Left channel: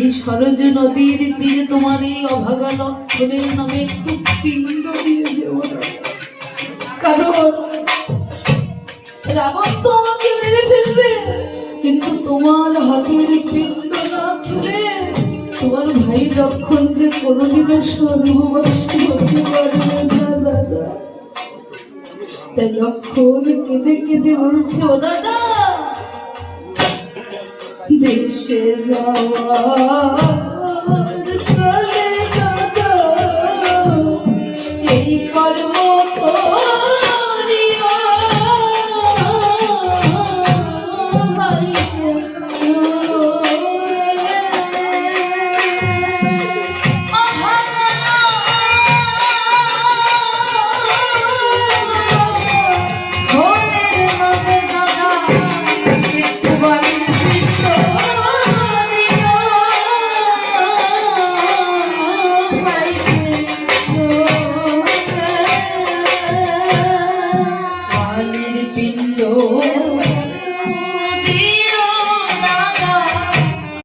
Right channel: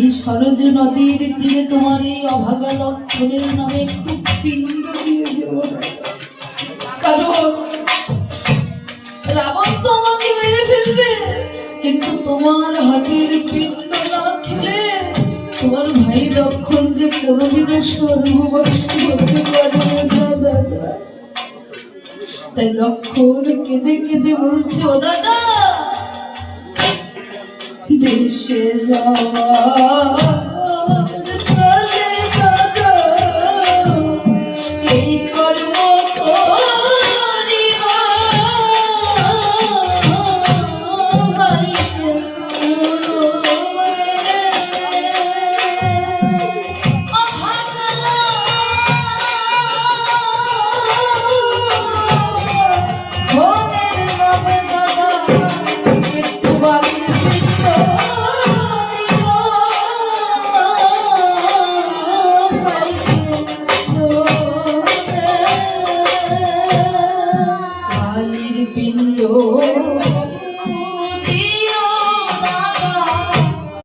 এই সরজ নদীর তীরে তোমার এই অভাগা লক্ষণের নামে একটু পিণ্ড দিয়ে দেব কারণ রাবণ তো আমাকে মেরে ফেলবে, কিন্তু তোমার হাতের পিণ্ড না খেলে তোমার ভাই লক্ষণ যে কোনোদিনও স্বর্গবাসী হতে পারবে না দাদা। তাই লক্ষণ কেঁদে কেঁদে বলছে, ও দাদা দেশে যাওয়ার কালে দাদা এই কর্ম করিও পিণ্ড